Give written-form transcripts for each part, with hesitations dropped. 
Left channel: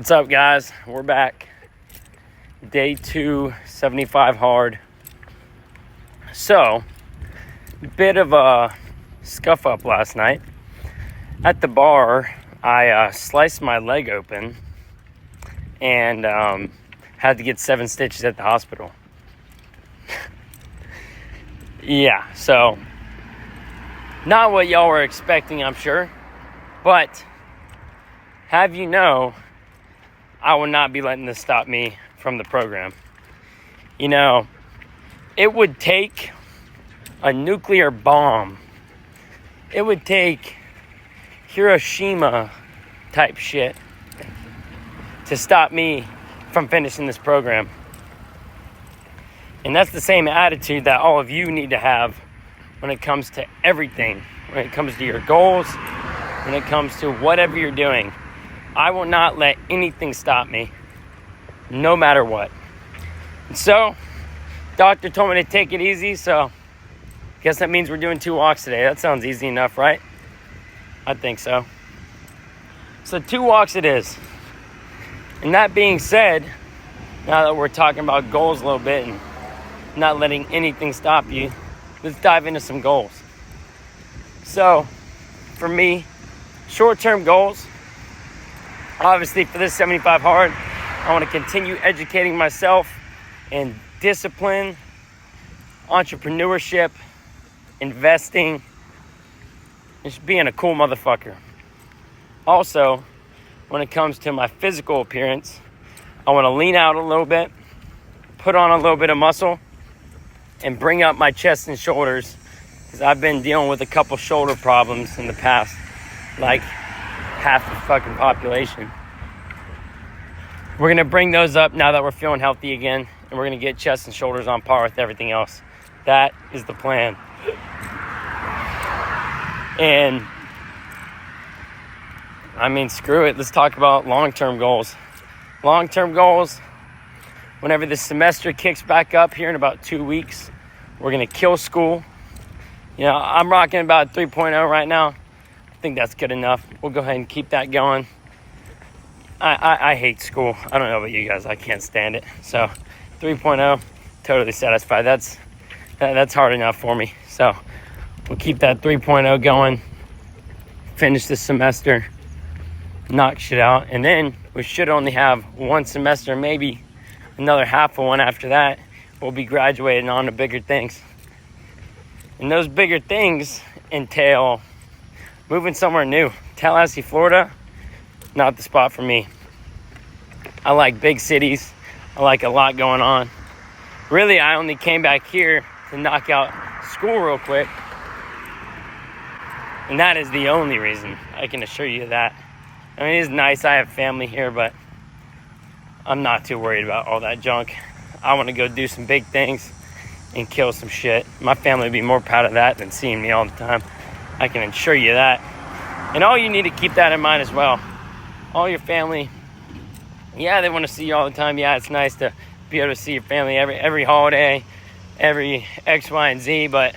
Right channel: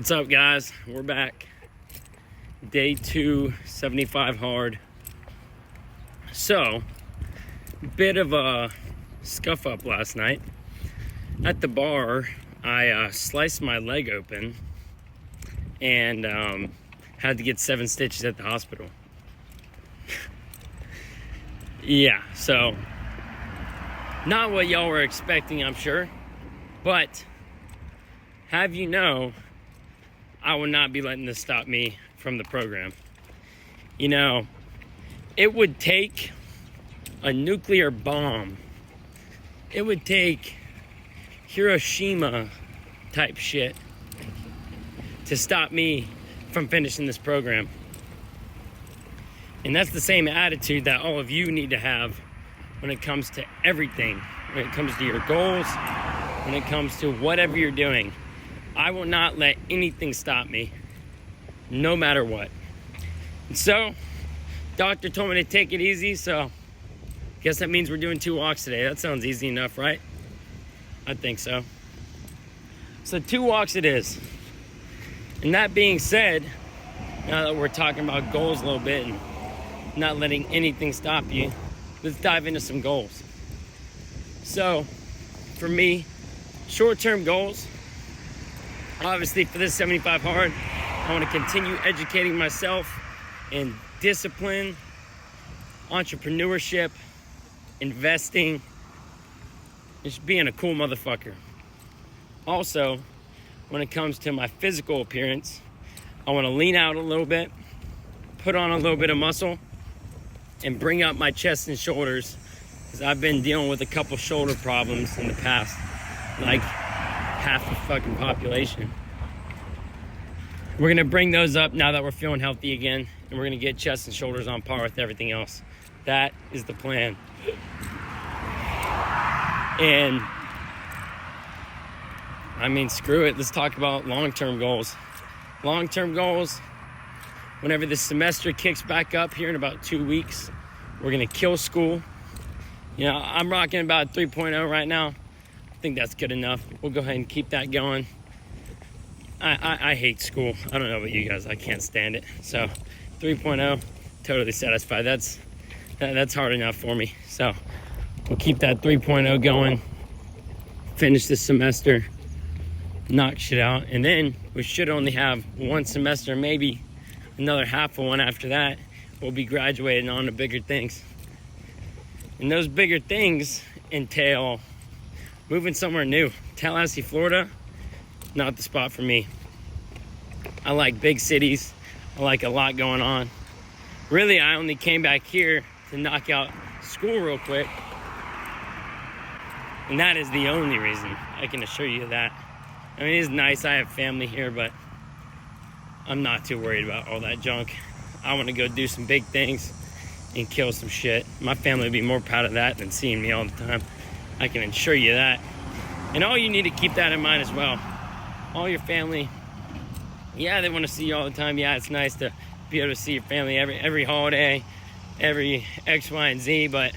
What's up, guys? We're back. Day 2, 75 hard. So, bit of a scuff up last night. At the bar, I sliced my leg open and had to get 7 stitches at the hospital. Yeah, so not what y'all were expecting, I'm sure. But have you know, I will not be letting this stop me from the program. You know, it would take a nuclear bomb. It would take Hiroshima type shit to stop me from finishing this program. And that's the same attitude that all of you need to have when it comes to everything. When it comes to your goals, when it comes to whatever you're doing. I will not let anything stop me, no matter what. And so, doctor told me to take it easy, so guess that means we're doing 2 walks today. That sounds easy enough, right? I think so. So 2 walks it is. And that being said, now that we're talking about goals a little bit and not letting anything stop you, let's dive into some goals. So, for me, short-term goals, obviously for this 75 hard, I want to continue educating myself in discipline, entrepreneurship, investing, just being a cool motherfucker. Also, when it comes to my physical appearance, I want to lean out a little bit, put on a little bit of muscle, and bring up my chest and shoulders, because I've been dealing with a couple shoulder problems in the past, like half the fucking population. We're going to bring those up now that we're feeling healthy again, and we're going to get chest and shoulders on par with everything else. That is the plan. And I mean, screw it. Let's talk about long-term goals. Long-term goals, whenever the semester kicks back up here in about 2 weeks, we're going to kill school. You know, I'm rocking about 3.0 right now. I think that's good enough. We'll go ahead and keep that going. I hate school. I don't know about you guys. I can't stand it. So 3.0, totally satisfied. That's hard enough for me. So we'll keep that 3.0 going. Finish this semester. Knock shit out. And then we should only have 1 semester, maybe another half of one after that. We'll be graduating on to bigger things. And those bigger things entail moving somewhere new. Tallahassee, Florida, not the spot for me. I like big cities. I like a lot going on. Really, I only came back here to knock out school real quick. And that is the only reason, I can assure you that. I mean, it's nice. I have family here, but I'm not too worried about all that junk. I want to go do some big things and kill some shit. My family would be more proud of that than seeing me all the time. I can assure you that. And all you need to keep that in mind as well. All your family, yeah, they want to see you all the time. Yeah, it's nice to be able to see your family every holiday, every X, Y, and Z. But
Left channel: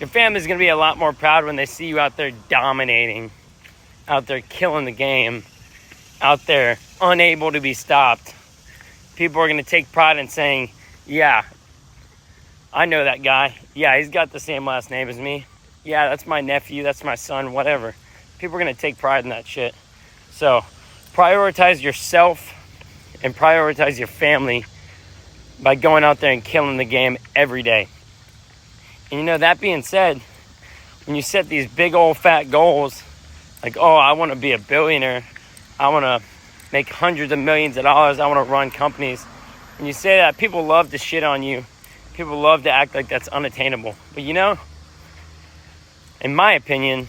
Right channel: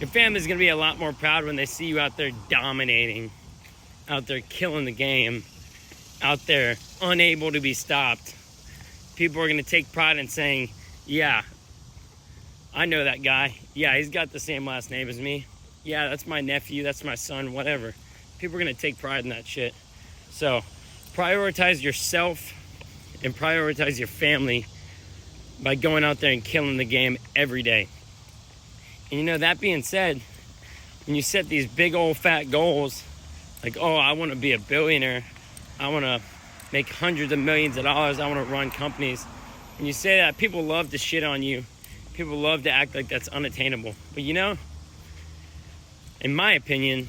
your family's going to be a lot more proud when they see you out there dominating, out there killing the game, out there unable to be stopped. People are going to take pride in saying, yeah, I know that guy. Yeah, he's got the same last name as me. Yeah, that's my nephew, that's my son, whatever. People are going to take pride in that shit. So, prioritize yourself and prioritize your family by going out there and killing the game every day. And you know, that being said, when you set these big old fat goals, like, oh, I want to be a billionaire, I want to make hundreds of millions of dollars, I want to run companies. When you say that, people love to shit on you. People love to act like that's unattainable. But you know, in my opinion,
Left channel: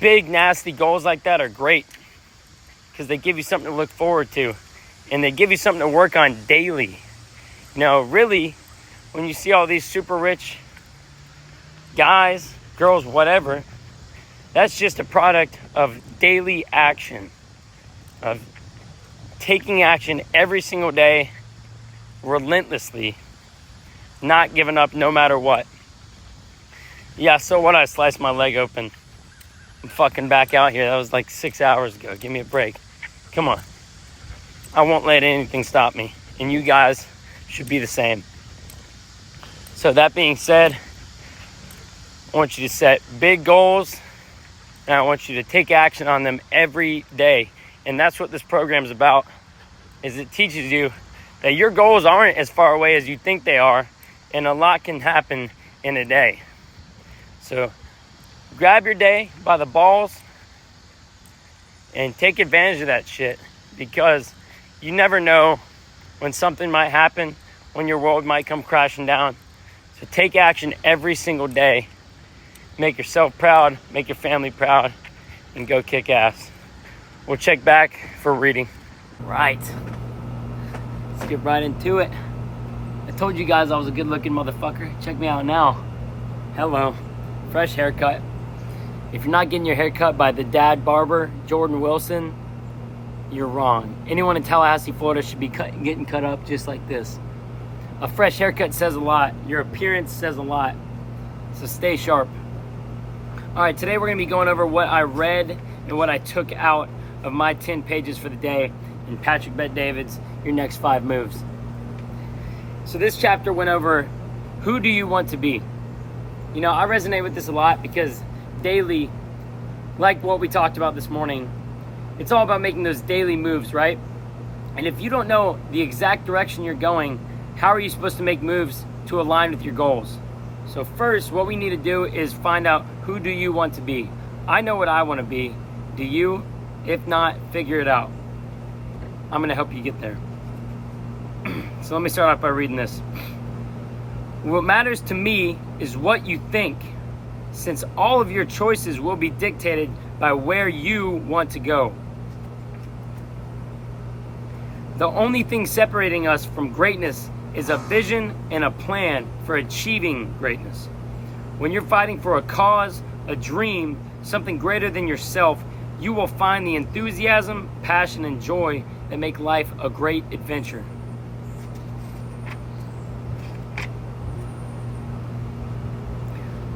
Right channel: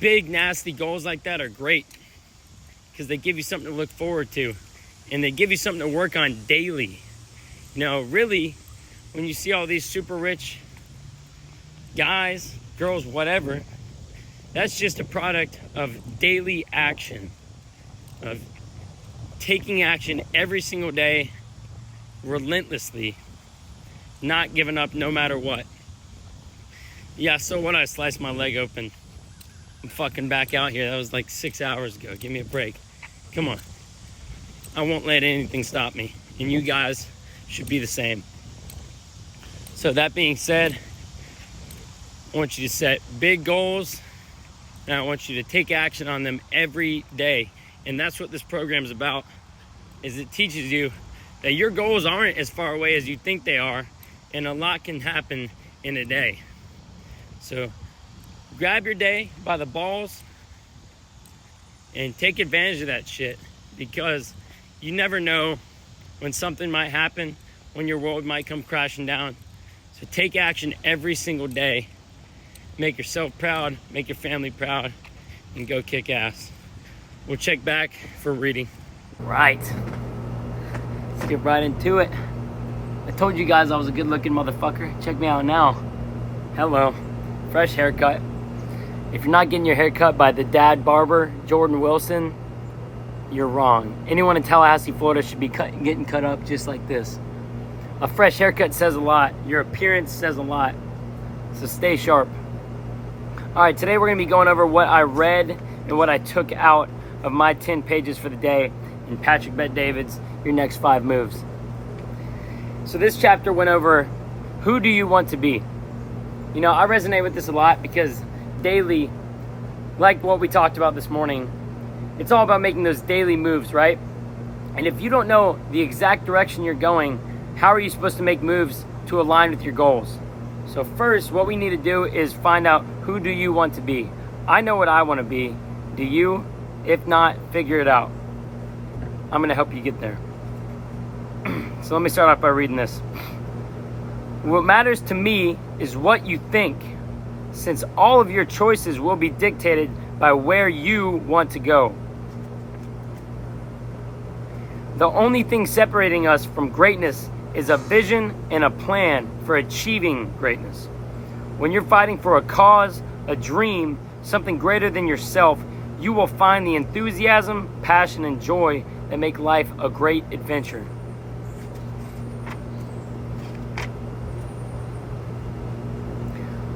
big, nasty goals like that are great because they give you something to look forward to and they give you something to work on daily. You know, really, when you see all these super rich guys, girls, whatever, that's just a product of daily action, of taking action every single day, relentlessly, not giving up no matter what. Yeah, so what? I sliced my leg open. I'm fucking back out here. That was like 6 hours ago. Give me a break. Come on. I won't let anything stop me. And you guys should be the same. So that being said, I want you to set big goals, and I want you to take action on them every day. And that's what this program is about, is it teaches you that your goals aren't as far away as you think they are, and a lot can happen in a day. So grab your day by the balls and take advantage of that shit, because you never know when something might happen, when your world might come crashing down. So take action every single day. Make yourself proud, make your family proud, and go kick ass. We'll check back for reading. Right. Let's get right into it. I told you guys I was a good looking motherfucker. Check me out now. Hello. Fresh haircut. If you're not getting your hair cut by the dad barber, Jordan Wilson, you're wrong. Anyone in Tallahassee, Florida should be getting cut up just like this. A fresh haircut says a lot. Your appearance says a lot. So stay sharp. All right, today we're going to be going over what I read and what I took out of my 10 pages for the day in Patrick Bet-David's Your Next 5 Moves. So this chapter went over, who do you want to be? You know, I resonate with this a lot because daily, like what we talked about this morning, it's all about making those daily moves, right? And if you don't know the exact direction you're going, how are you supposed to make moves to align with your goals? So first, what we need to do is find out, who do you want to be? I know what I want to be. Do you? If not, figure it out. I'm going to help you get there. So let me start off by reading this. What matters to me is what you think, since all of your choices will be dictated by where you want to go. The only thing separating us from greatness is a vision and a plan for achieving greatness. When you're fighting for a cause, a dream, something greater than yourself, you will find the enthusiasm, passion, and joy that make life a great adventure.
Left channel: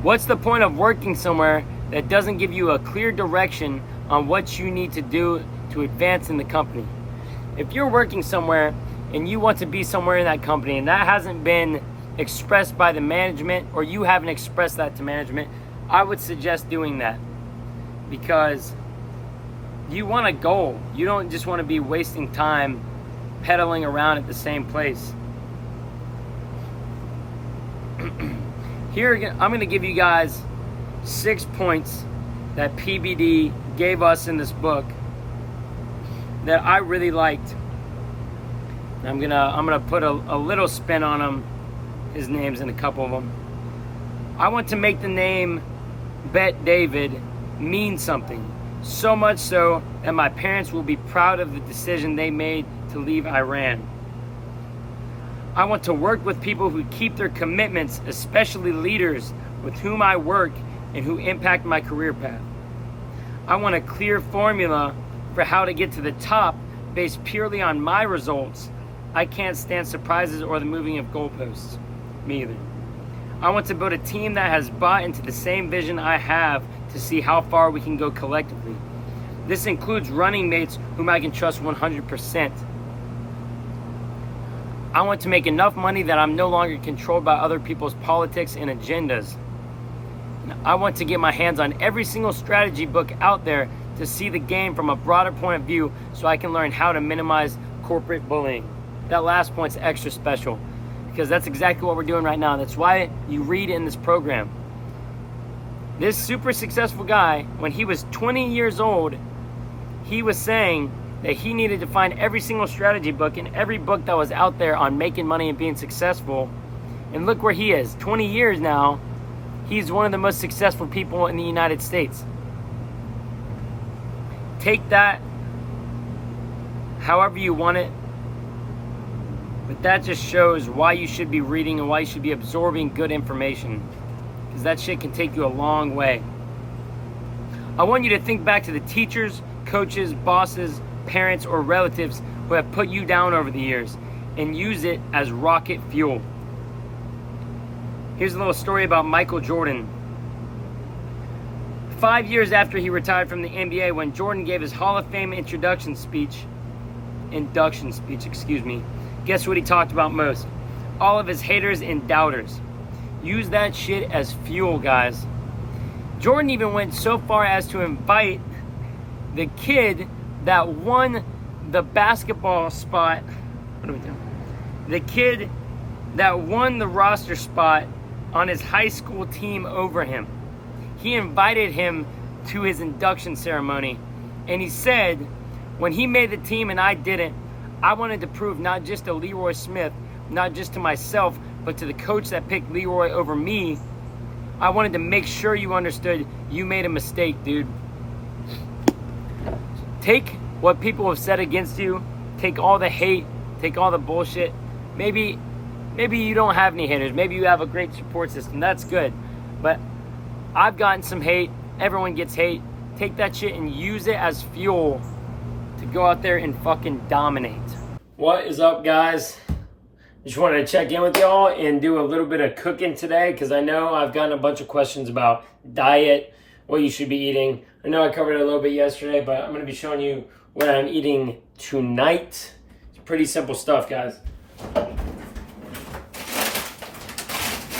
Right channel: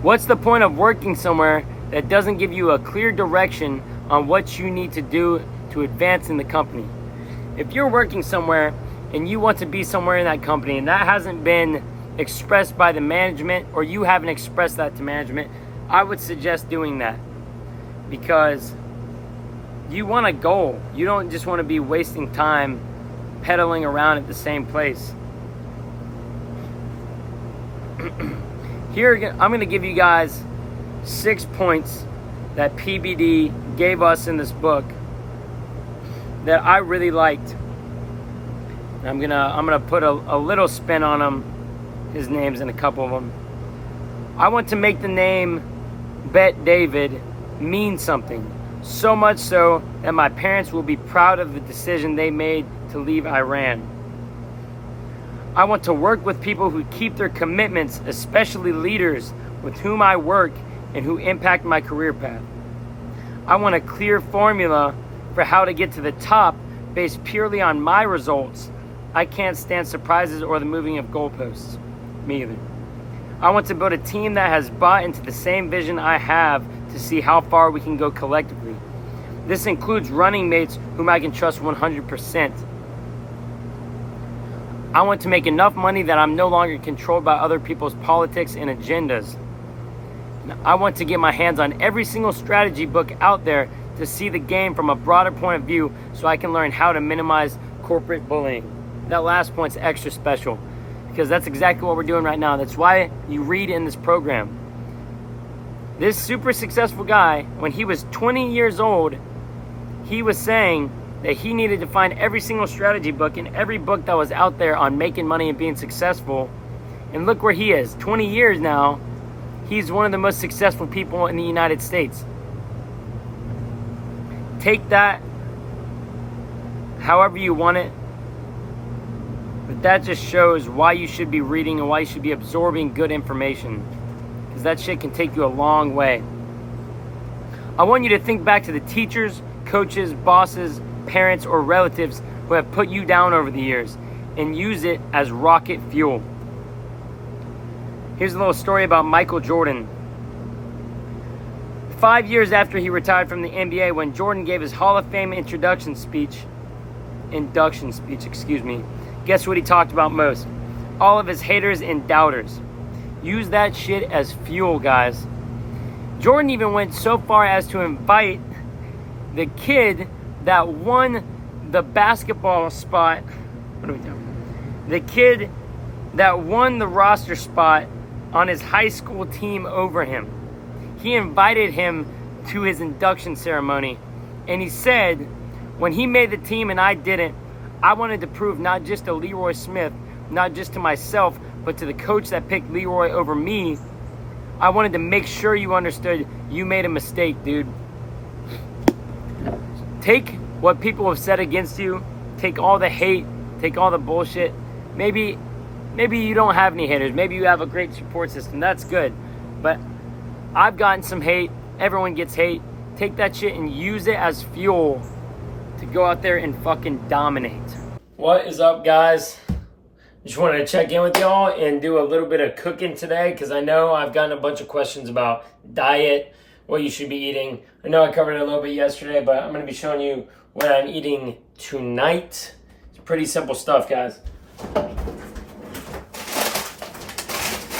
What's the point of working somewhere that doesn't give you a clear direction on what you need to do to advance in the company? If you're working somewhere and you want to be somewhere in that company and that hasn't been expressed by the management, or you haven't expressed that to management, I would suggest doing that, because you want a goal. You don't just want to be wasting time pedaling around at the same place. Here, I'm going to give you guys 6 points that PBD gave us in this book that I really liked. I'm gonna put a little spin on them. His name's in a couple of them. I want to make the name Bet-David mean something, so much so that my parents will be proud of the decision they made to leave Iran. I want to work with people who keep their commitments, especially leaders with whom I work and who impact my career path. I want a clear formula for how to get to the top based purely on my results. I can't stand surprises or the moving of goalposts. Me either. I want to build a team that has bought into the same vision I have to see how far we can go collectively. This includes running mates whom I can trust 100%. I want to make enough money that I'm no longer controlled by other people's politics and agendas. I want to get my hands on every single strategy book out there to see the game from a broader point of view so I can learn how to minimize corporate bullying. That last point's extra special because that's exactly what we're doing right now. That's why you read in this program. This super successful guy, when he was 20 years old, he was saying that he needed to find every single strategy book and every book that was out there on making money and being successful. And look where he is. 20 years now, he's one of the most successful people in the United States. Take that however you want it. But that just shows why you should be reading and why you should be absorbing good information. Because that shit can take you a long way. I want you to think back to the teachers, coaches, bosses, parents, or relatives who have put you down over the years and use it as rocket fuel. Here's a little story about Michael Jordan. 5 years after he retired from the NBA, when Jordan gave his Hall of Fame introduction speech, induction speech, guess what he talked about most? All of his haters and doubters. Use that shit as fuel, guys. Jordan even went so far as to invite the kid that won the basketball spot. What are we doing? The kid that won the roster spot on his high school team over him. He invited him to his induction ceremony, and he said, when he made the team and I didn't, I wanted to prove not just to Leroy Smith, not just to myself, but to the coach that picked Leroy over me. I wanted to make sure you understood you made a mistake, dude. Take what people have said against you, take all the hate, take all the bullshit. Maybe you don't have any haters. Maybe you have a great support system. That's good. But I've gotten some hate. Everyone gets hate. Take that shit and use it as fuel to go out there and fucking dominate. What is up, guys? Just wanted to check in with y'all and do a little bit of cooking today because I know I've gotten a bunch of questions about diet, what you should be eating. I know I covered it a little bit yesterday, but I'm going to be showing you what I'm eating tonight. It's pretty simple stuff, guys.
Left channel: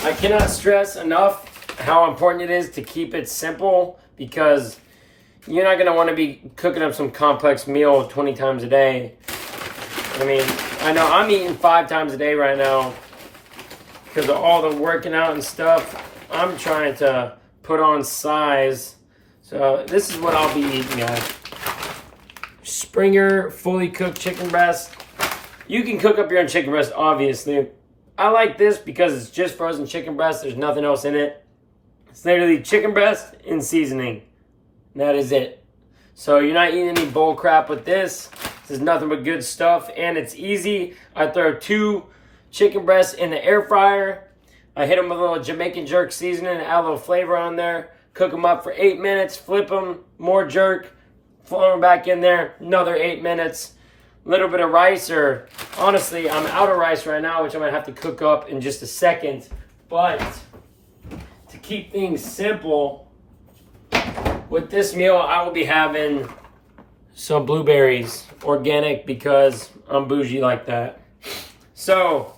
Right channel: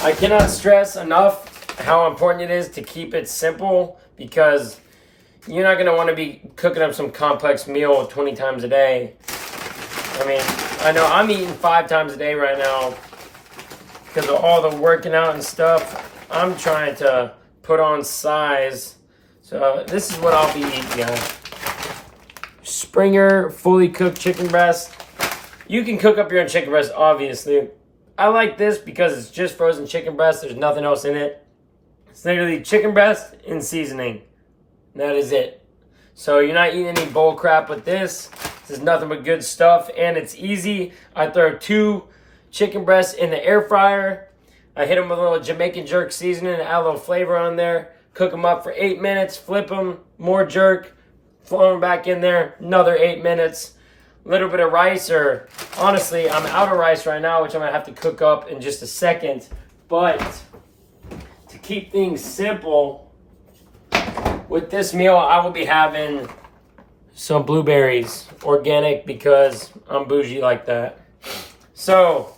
I cannot stress enough how important it is to keep it simple because you're not going to want to be cooking up some complex meal 20 times a day. I mean, I know I'm eating 5 times a day right now because of all the working out and stuff. I'm trying to put on size. So this is what I'll be eating, guys. Springer fully cooked chicken breast. You can cook up your own chicken breast, obviously. I like this because it's just frozen chicken breast. There's nothing else in it. It's literally chicken breast and seasoning. That is it. So you're not eating any bull crap with this. This is nothing but good stuff, and it's easy. I throw 2 chicken breasts in the air fryer. I hit them with a little Jamaican jerk seasoning and add a little flavor on there. Cook them up for 8 minutes. Flip them. More jerk. Throw them back in there. Another 8 minutes. A little bit of rice, or honestly, I'm out of rice right now, which I'm going to have to cook up in just a second. But to keep things simple, with this meal, I will be having some blueberries, organic, because I'm bougie like that. So,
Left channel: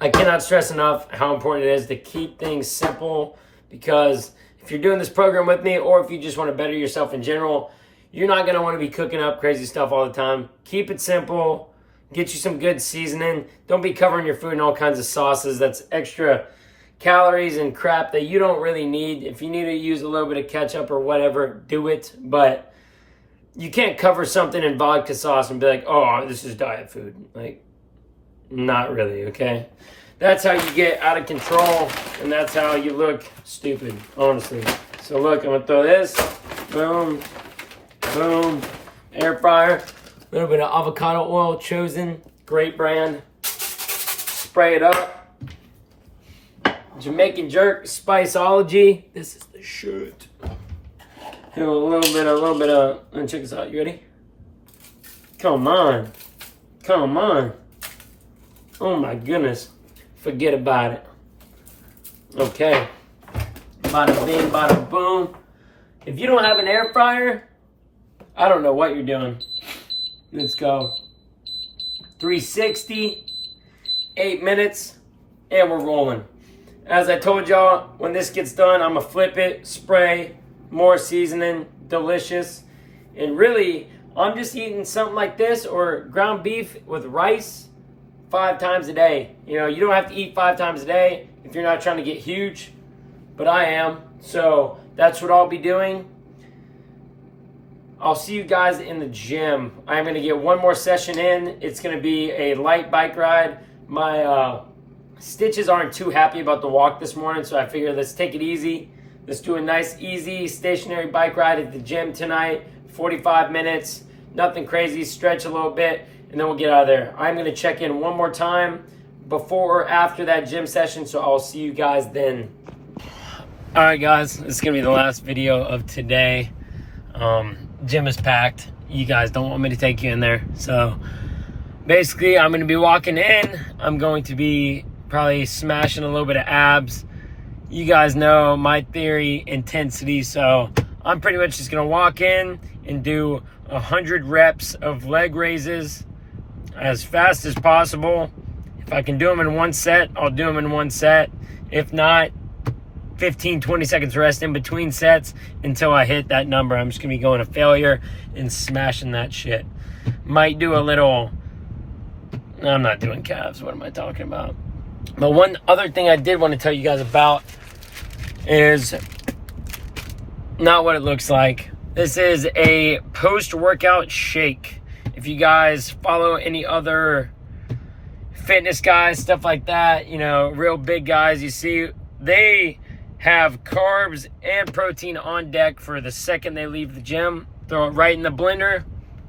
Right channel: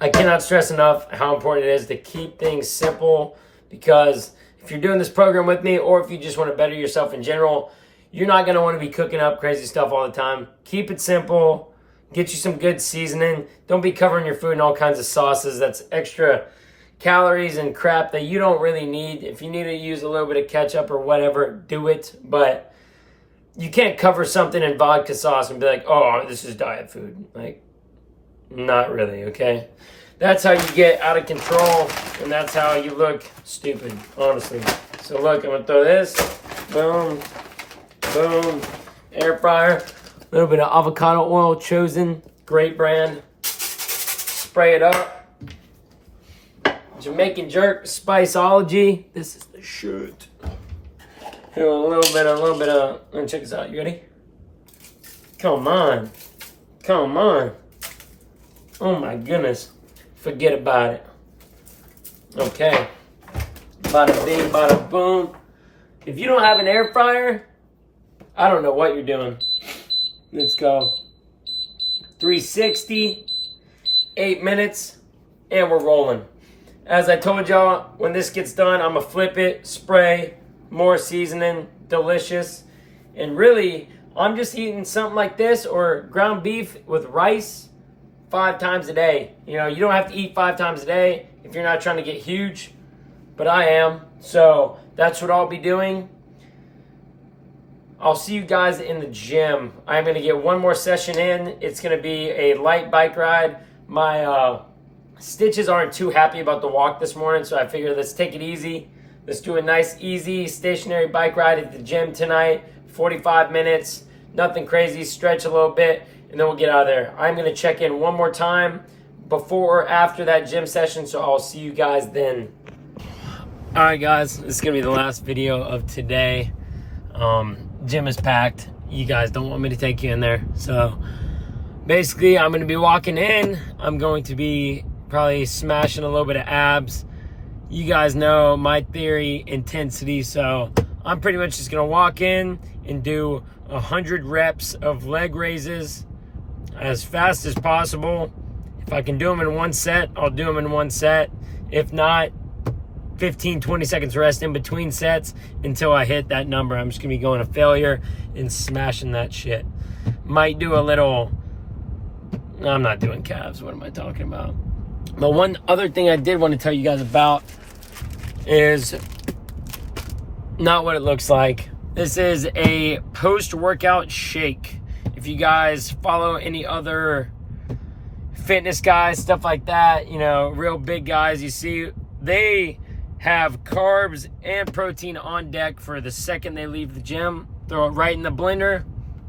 I cannot stress enough how important it is to keep things simple, because if you're doing this program with me, or if you just want to better yourself in general, you're not going to want to be cooking up crazy stuff all the time. Keep it simple. Get you some good seasoning. Don't be covering your food in all kinds of sauces. That's extra calories and crap that you don't really need. If you need to use a little bit of ketchup or whatever, do it. But you can't cover something in vodka sauce and be like, oh, this is diet food. Like, not really, okay? That's how you get out of control, and that's how you look stupid, honestly. So look, I'm going to throw this. Boom. Boom. Air fryer. A little bit of avocado oil, Chosen. Great brand. Spray it up. Jamaican jerk, Spiceology. This is the shit. A little bit of, let me check this out. You ready? Come on. Come on. Oh my goodness. Forget about it. Okay. Bada bing, bada boom. If you don't have an air fryer, I don't know what you're doing. Let's go. 360, 8 minutes, and we're rolling. As I told y'all, when this gets done, I'm going to flip it, spray, more seasoning, delicious. And really, I'm just eating something like this or ground beef with rice 5 times a day. You know, you don't have to eat 5 times a day if you're not trying to get huge, but I am. So that's what I'll be doing. I'll see you guys in the gym. I'm going to get one more session in. It's going to be a light bike ride. My stitches aren't too happy about the walk this morning, so I figured let's take it easy. Let's do a nice, easy, stationary bike ride at the gym tonight. 45 minutes, nothing crazy. Stretch a little bit, and then we'll get out of there. I'm going to check in one more time before or after that gym session, so I'll see you guys then. All right, guys. This is going to be the last video of today. Gym is packed. You guys don't want me to take you in there. So basically, I'm going to be walking in. I'm going to be probably smashing a little bit of abs. You guys know my theory, intensity. So I'm pretty much just going to walk in and do 100 reps of leg raises as fast as possible. If I can do them in one set, I'll do them in one set. If not, 15, 20 seconds rest in between sets until I hit that number. I'm just going to be going to failure and smashing that shit. Might do a little... I'm not doing calves. What am I talking about? But one other thing I did want to tell you guys about is not what it looks like. This is a post-workout shake. If you guys follow any other fitness guys, stuff like that, you know, real big guys, you see, they have carbs and protein on deck for the second they leave the gym. Throw it right in the blender,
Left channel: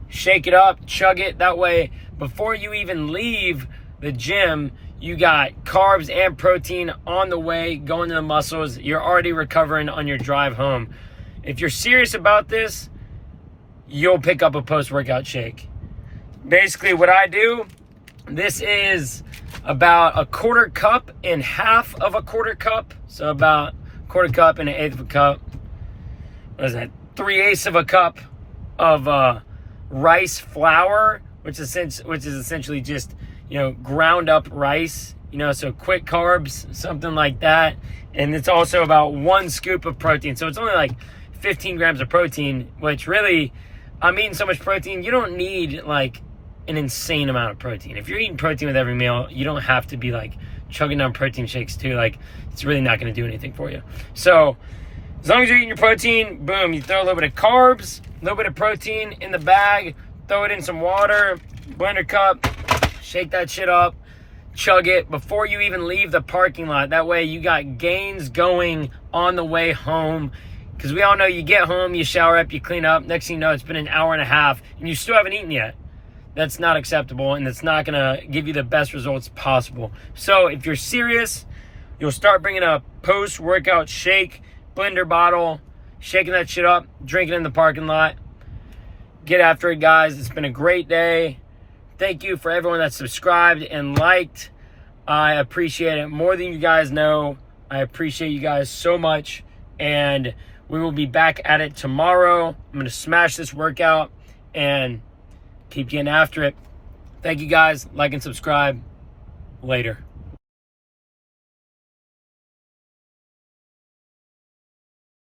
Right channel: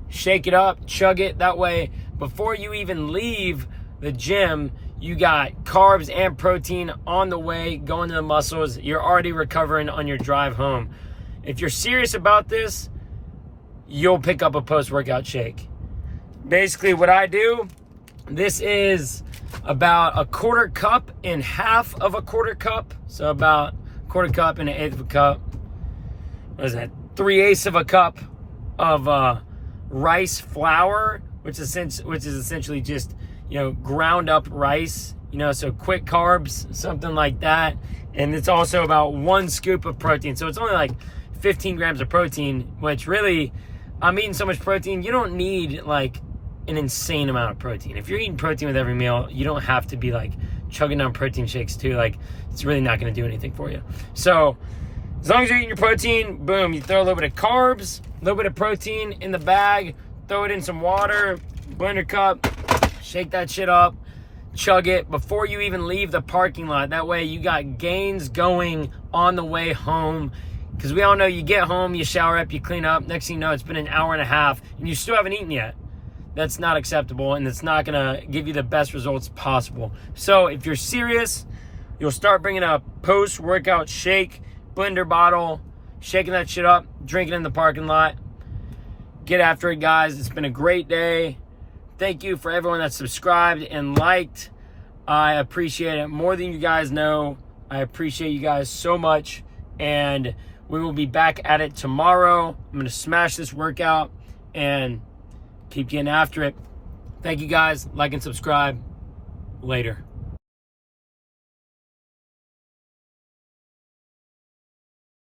shake it up, chug it. That way, before you even leave the gym, you got carbs and protein on the way, going to the muscles. You're already recovering on your drive home. If you're serious about this, you'll pick up a post-workout shake. Basically, what I do, this is about a quarter cup and half of a quarter cup. So about a quarter cup and an eighth of a cup. What is that? 3/8 of a cup of rice flour, which is essentially just, you know, ground up rice, you know, so quick carbs, something like that. And it's also about 1 scoop of protein. So it's only like 15 grams of protein, which really, I'm eating so much protein, you don't need like an insane amount of protein. If you're eating protein with every meal, you don't have to be like chugging down protein shakes too. Like, it's really not going to do anything for you. So as long as you're eating your protein, boom, you throw a little bit of carbs, a little bit of protein in the bag, throw it in some water, blender cup, shake that shit up, chug it before you even leave the parking lot. That way you got gains going on the way home. Because we all know you get home, you shower up, you clean up. Next thing you know, it's been an hour and a half and you still haven't eaten yet. That's not acceptable, and it's not going to give you the best results possible. So if you're serious, you'll start bringing a post-workout shake, blender bottle, shaking that shit up, drinking in the parking lot. Get after it, guys. It's been a great day. Thank you for everyone that subscribed and liked. I appreciate it more than you guys know. I appreciate you guys so much, and we will be back at it tomorrow. I'm going to smash this workout and keep getting after it. Thank you guys. Like and subscribe. Later.